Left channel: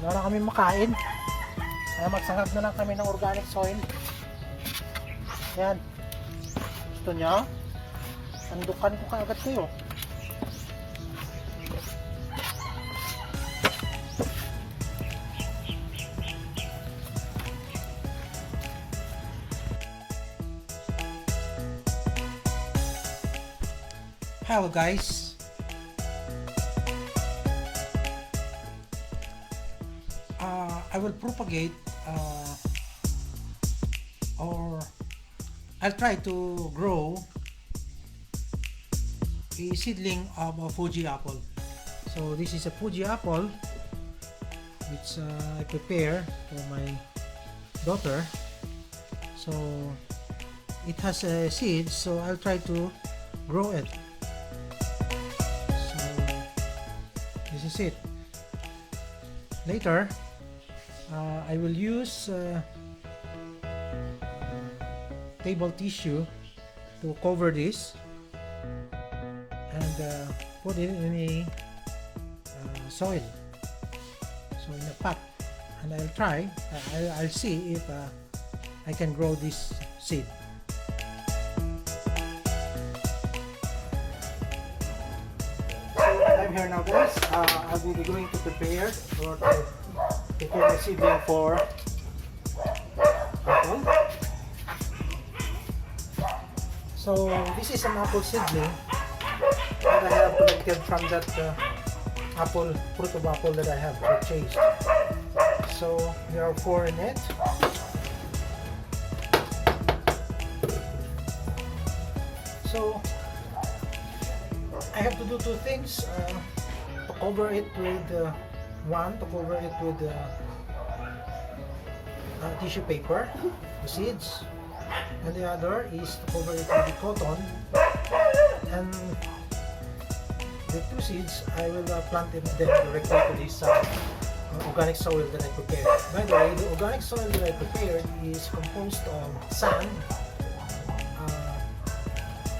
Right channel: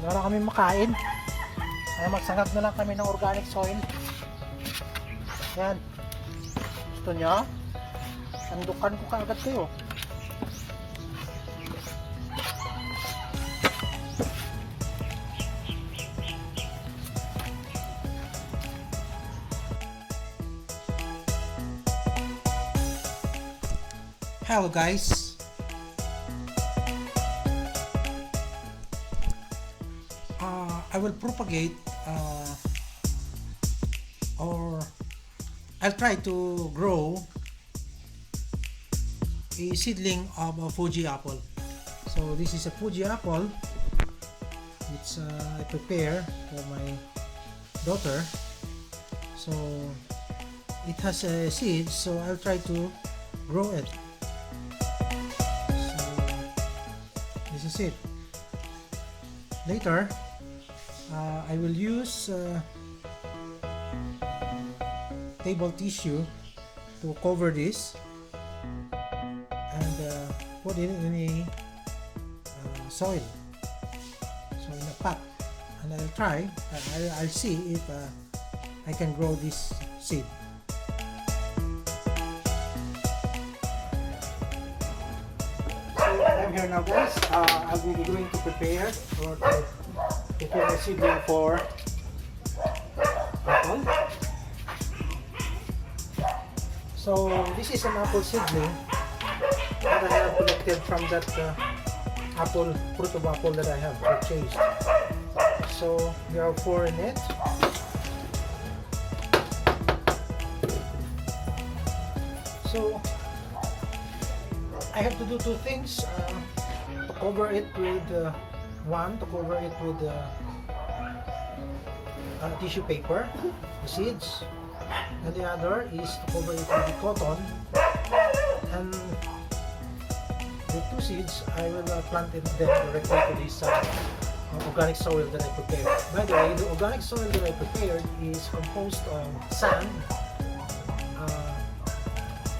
wala kami makain. Kaya magsangag na lang kami ng organic soil. Yan. Gusto nyo? Sandukan ko kaagad kayo. Hello guys. I will propagate or I'll try to grow a seedling of a Fuji apple. So this is a Fuji apple which I prepare for my daughter. So it has a seed, so I'll try to grow it. So this is it. Later I will use table tissue to cover this and put it in a soil, so in a pot, and I'll try. I'll see if I can grow this seed. So I'm here now, guys. I'll be going to prepare or to prepare a seedling for apple. So this is an apple seedling that I have collected from that fruit of apple that I have purchased. So there are 4 in it. So I have to do 2 things. To cover it with tissue paper, the seeds, and the other is to cover it with the cotton, and the 2 seeds I will plant it then directly to this organic soil that I prepared. By the way, the organic soil that I prepared is composed of sand,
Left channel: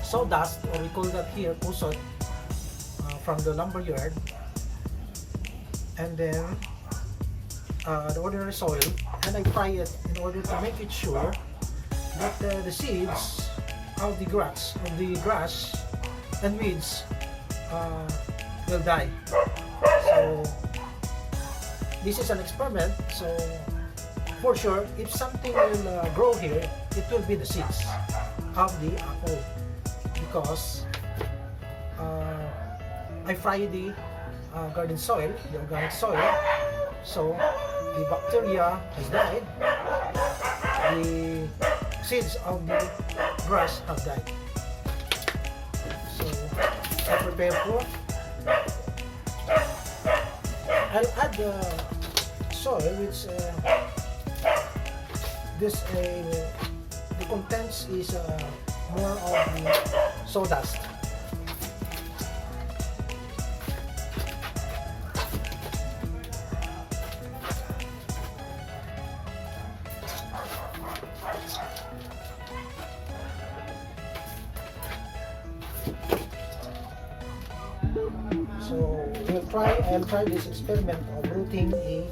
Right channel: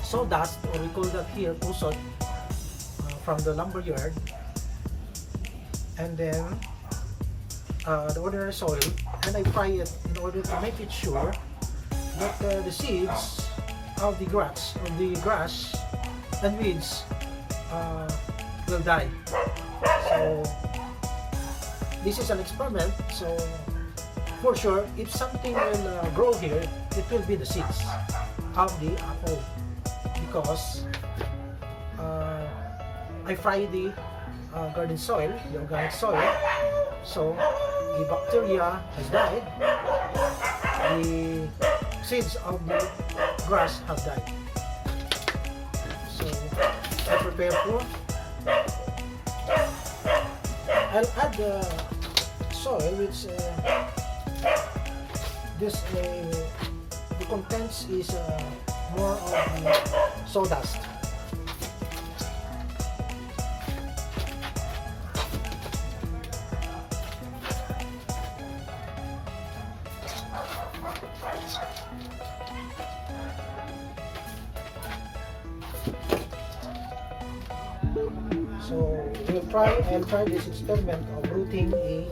sawdust, or we call that here kusot, from the lumber yard, and then the ordinary soil, and I fry it in order to make it sure that the seeds of the grass and weeds will die. So this is an experiment, so for sure if something will grow here, it will be the seeds of the apple, because I fry the garden soil, the organic soil, so the bacteria has died, the seeds of the grass have died. So I prepare for, I'll add the soil which the contents is more of the sawdust. So I'll try this experiment of rooting a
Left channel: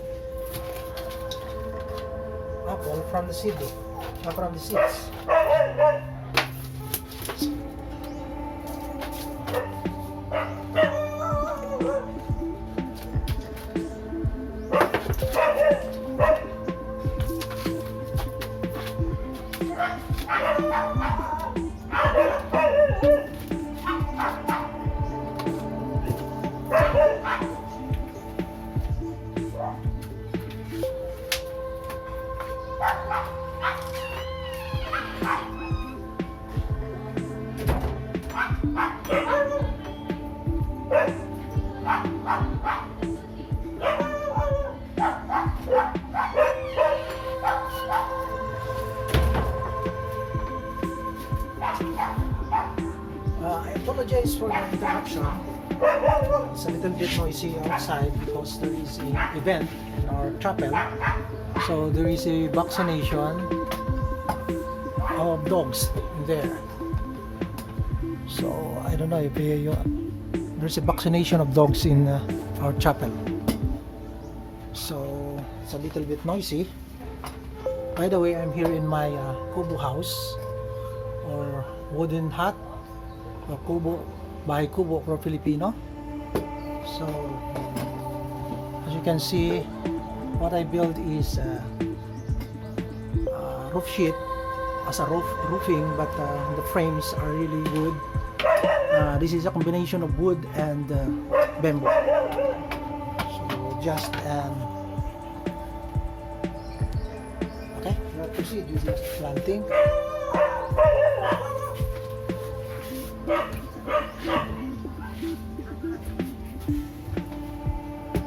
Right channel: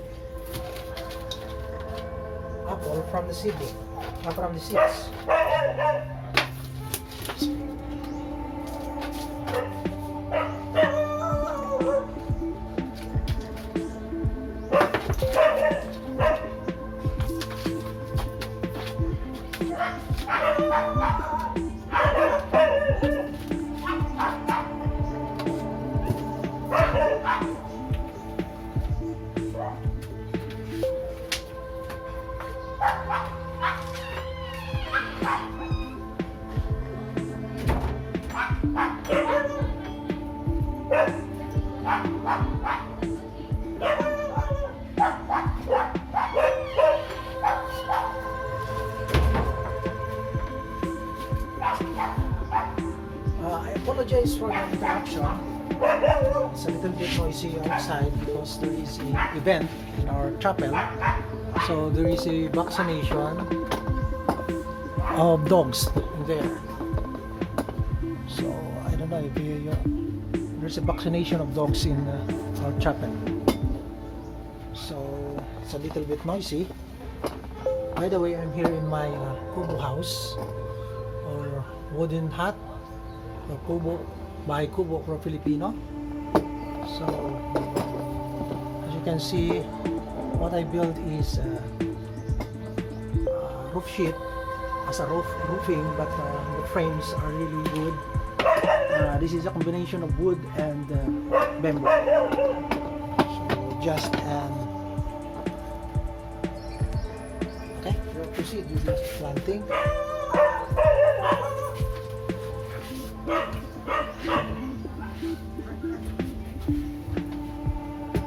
apple from the seedling, from the seeds. I apologize for the interruption. It's a little bit noisy outside because there is an event in our chapel. So there is a vaccination of dogs there. So I don't know if there's a vaccination of dogs in our chapel. So it's a little bit noisy. By the way, I'm here in my kubo house or wooden hut, the kubo, bahay kubo for Filipino. So as you can see, what I built is roof sheet as a roofing, but the frames are really good. This is a combination of wood and bamboo. So just okay, we'll proceed with the planting.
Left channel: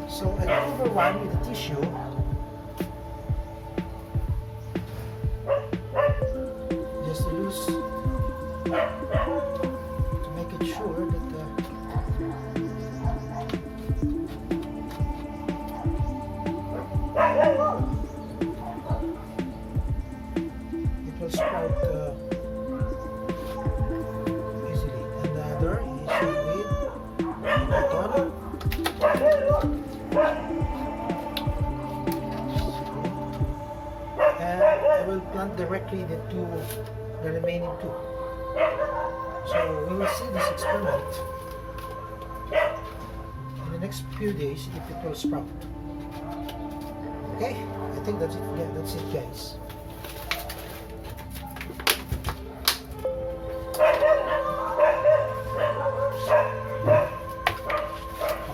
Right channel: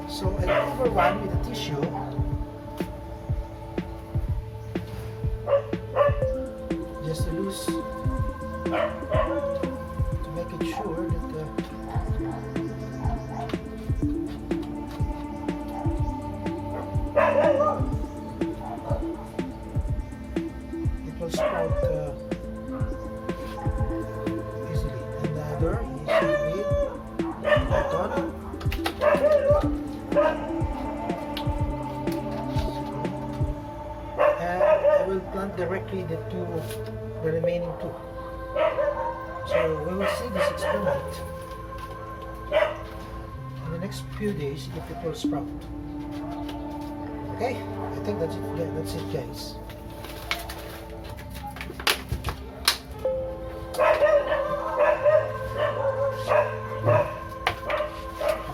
So I cover one with a tissue. Just loose to make it sure that it will sprout easily. And the other is with cotton. And I will plant directly the remaining two. So we will see this experiment in the next few days if it will sprout. Okay, I think that's it. Yeah, that's it, guys.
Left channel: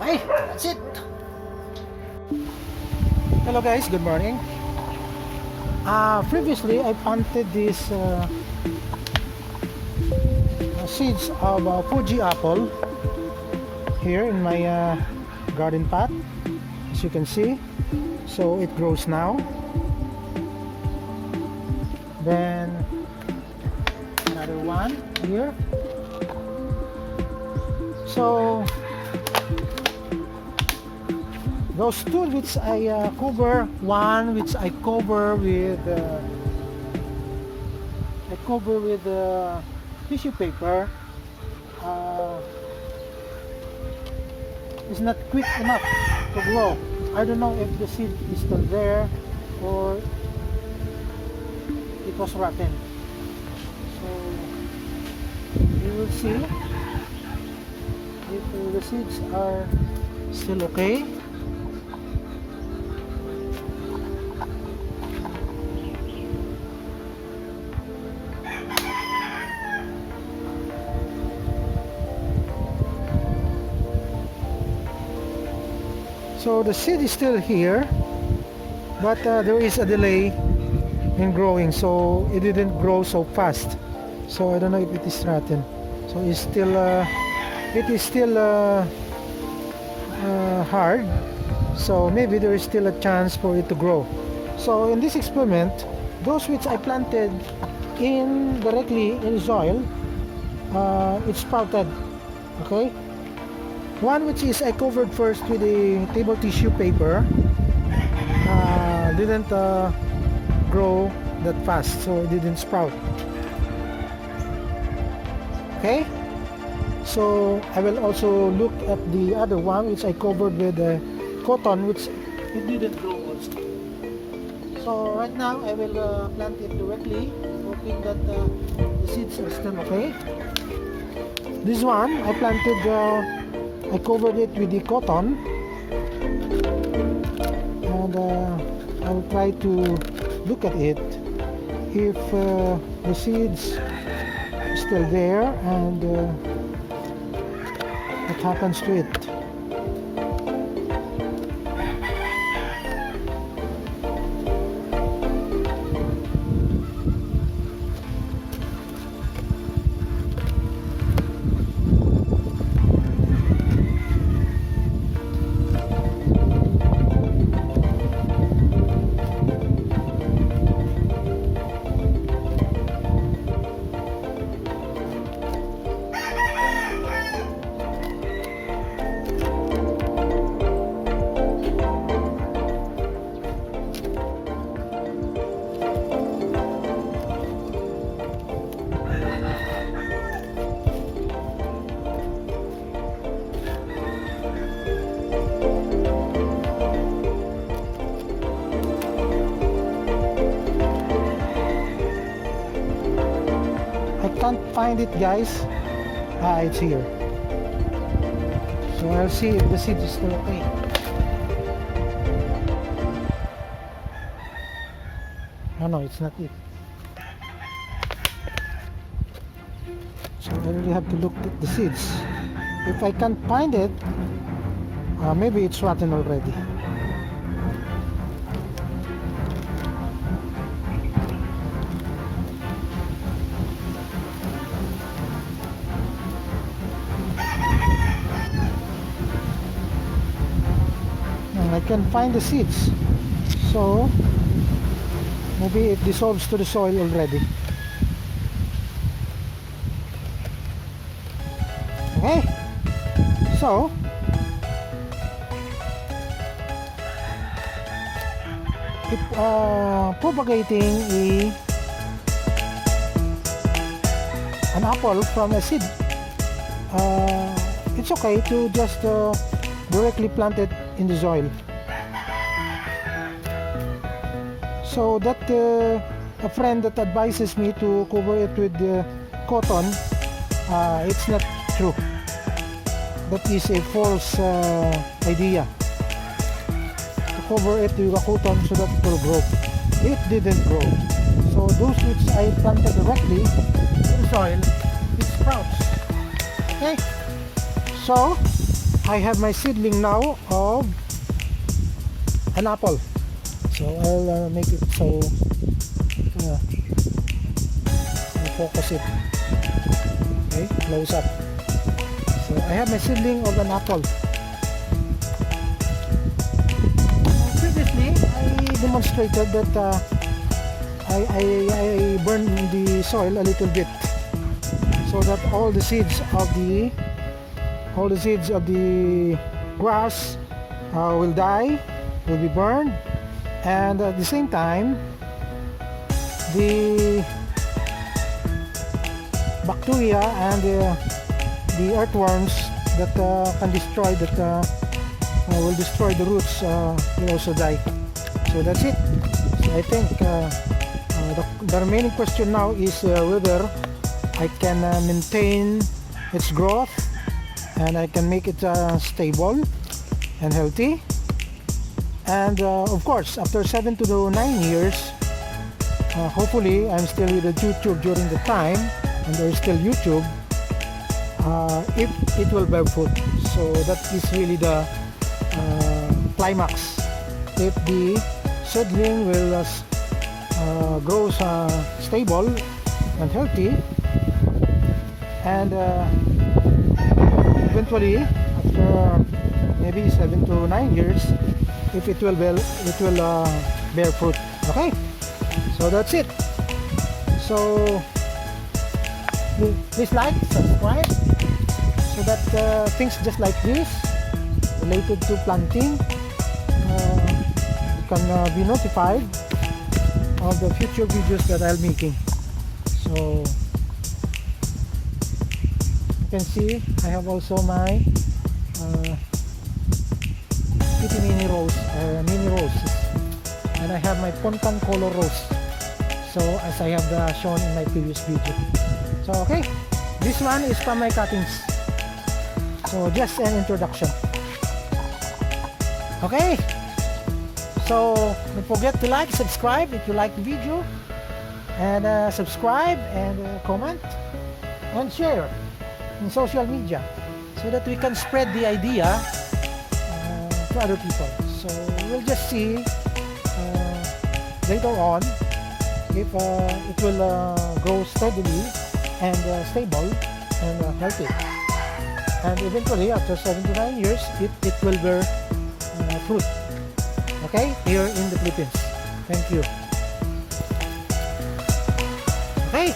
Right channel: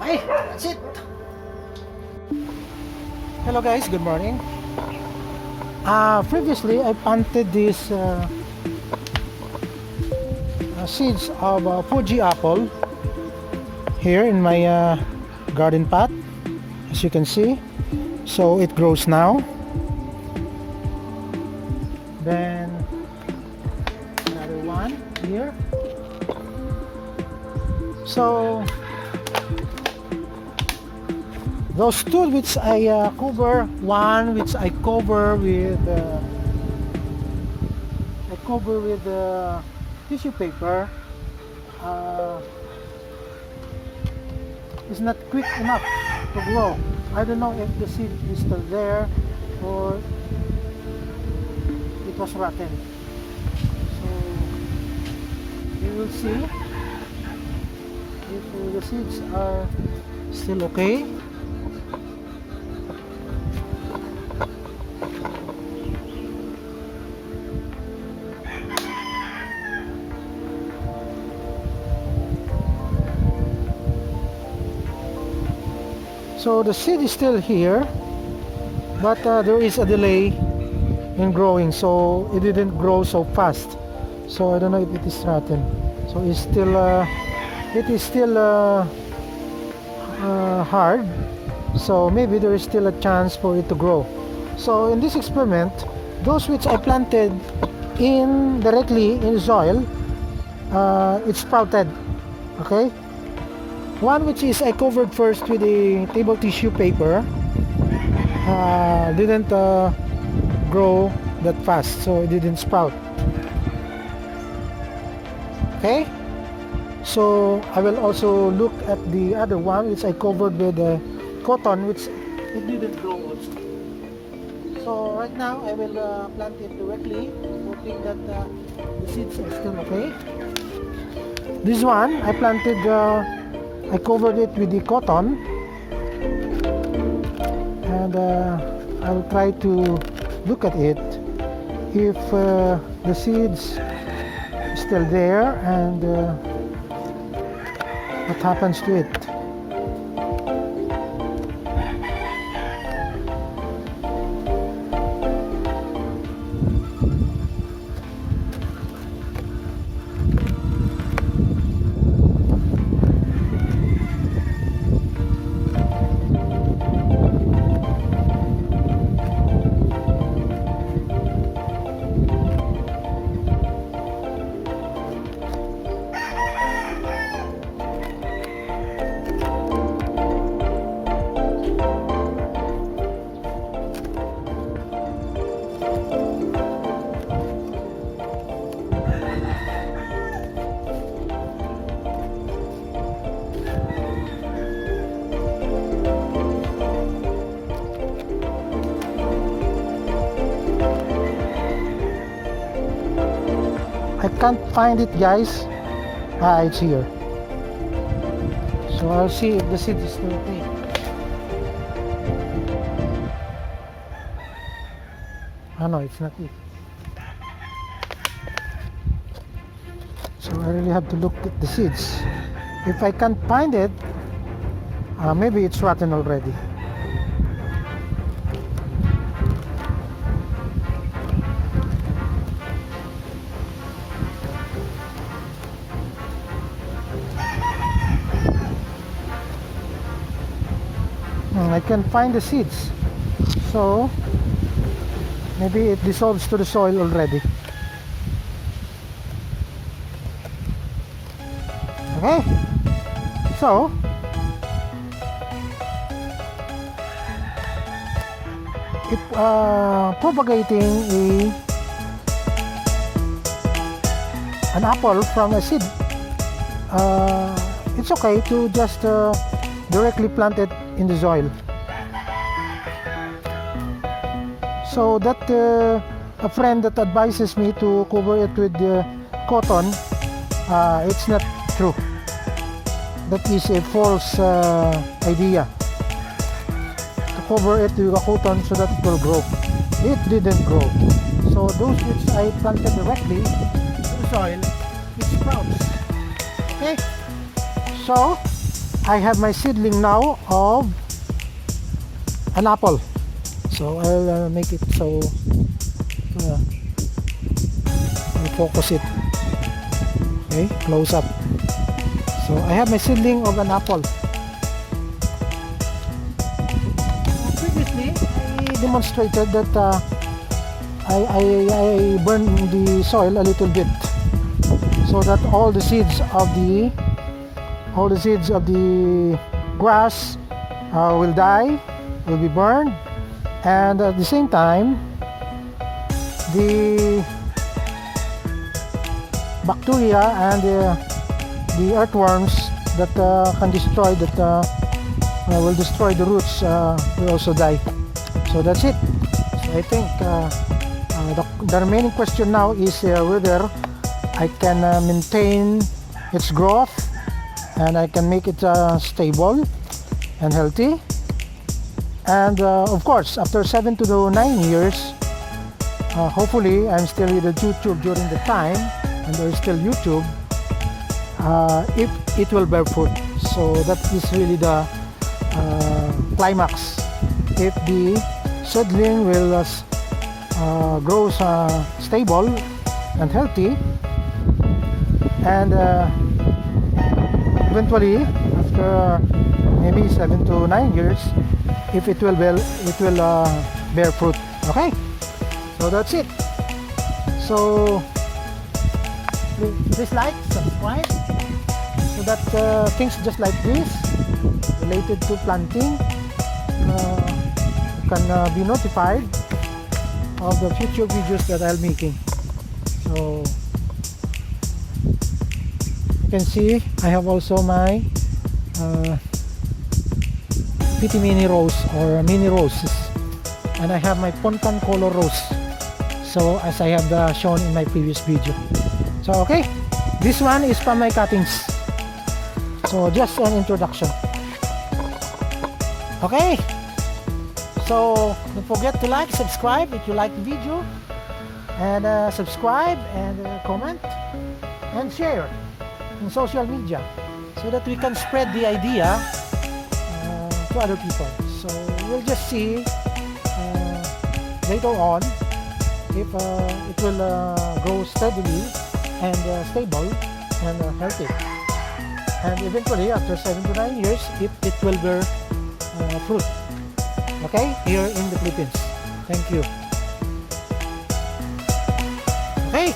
Okay, that's it. Hello guys, good morning. Previously I planted these seeds of Fuji apple here in my garden pot, as you can see. So it grows now. Then another one here. So those two which I cover, one which I cover with tissue paper, is not quick enough to grow. I don't know if the seed is still there or it was rotten. So you will see if the seeds are still okay. So the seed is still here, but there is a delay in growing, so it didn't grow so fast. So I don't know if it is rotten. So it is still hard. So maybe there is still a chance for it to grow. So in this experiment, those which I planted directly in soil, it sprouted. Okay. One which is I covered first with a table tissue paper didn't grow that fast, so it didn't sprout. Okay, so I will also look at the other one which I covered with cotton, which it didn't grow also. So right now I will plant it directly, hoping that the seeds are still okay. This one I planted, I covered it with the cotton, and I will try to look at it if the seeds are still there and what happens to it. can't find it, guys. It's here. So I'll see if the seed is still okay. No, it's not it. So I really have to look at the seeds. If I can't find it, maybe it's rotten already. I can find the seeds, so maybe it dissolves to the soil already. Okay, so if propagating an apple from a seed, it's okay to just directly plant it in the soil. So that a friend that advises me to cover it with cotton, it's not true. That is a false idea. To cover it with a cotton so that it will grow. It didn't grow. So those which I planted directly in the soil, it sprouts. Okay. So I have my seedling now of an apple. So I'll make it so focus it. Okay, close up. So I have my seedling of an apple. Previously, I demonstrated that I burned the soil a little bit, so that all the seeds of the grass will die, will be burned, and at the same time the bacteria and the earthworms that can destroy will destroy the roots will also die. So that's it. So I think the remaining question now is whether I can maintain its growth and I can make it stable and healthy. And of course, after 7 to 9 years, hopefully I'm still with YouTube during the time, and there is still YouTube. It will bear fruit. So that is really the climax. If the seedling will grow stable and healthy, and eventually after maybe 7 to 9 years, if it will bear fruit. Okay, so that's it. So please like, subscribe, so that things just like this related to planting, you can be notified of the future videos that I'll making. So you can see I have also my pretty mini rose or mini roses, and I have my poncan color rose, so as I have shown in my previous video. So okay, this one is from my cuttings, so just an introduction. Okay, so don't forget to like, subscribe if you like the video, and subscribe and comment and share in social media, so that we can spread the idea to other people. So we'll just see later on if it will grow steadily and stable and healthy, and eventually after 7 to 9 years it will bear fruit. Okay, here in the Philippines. Thank you. Okay.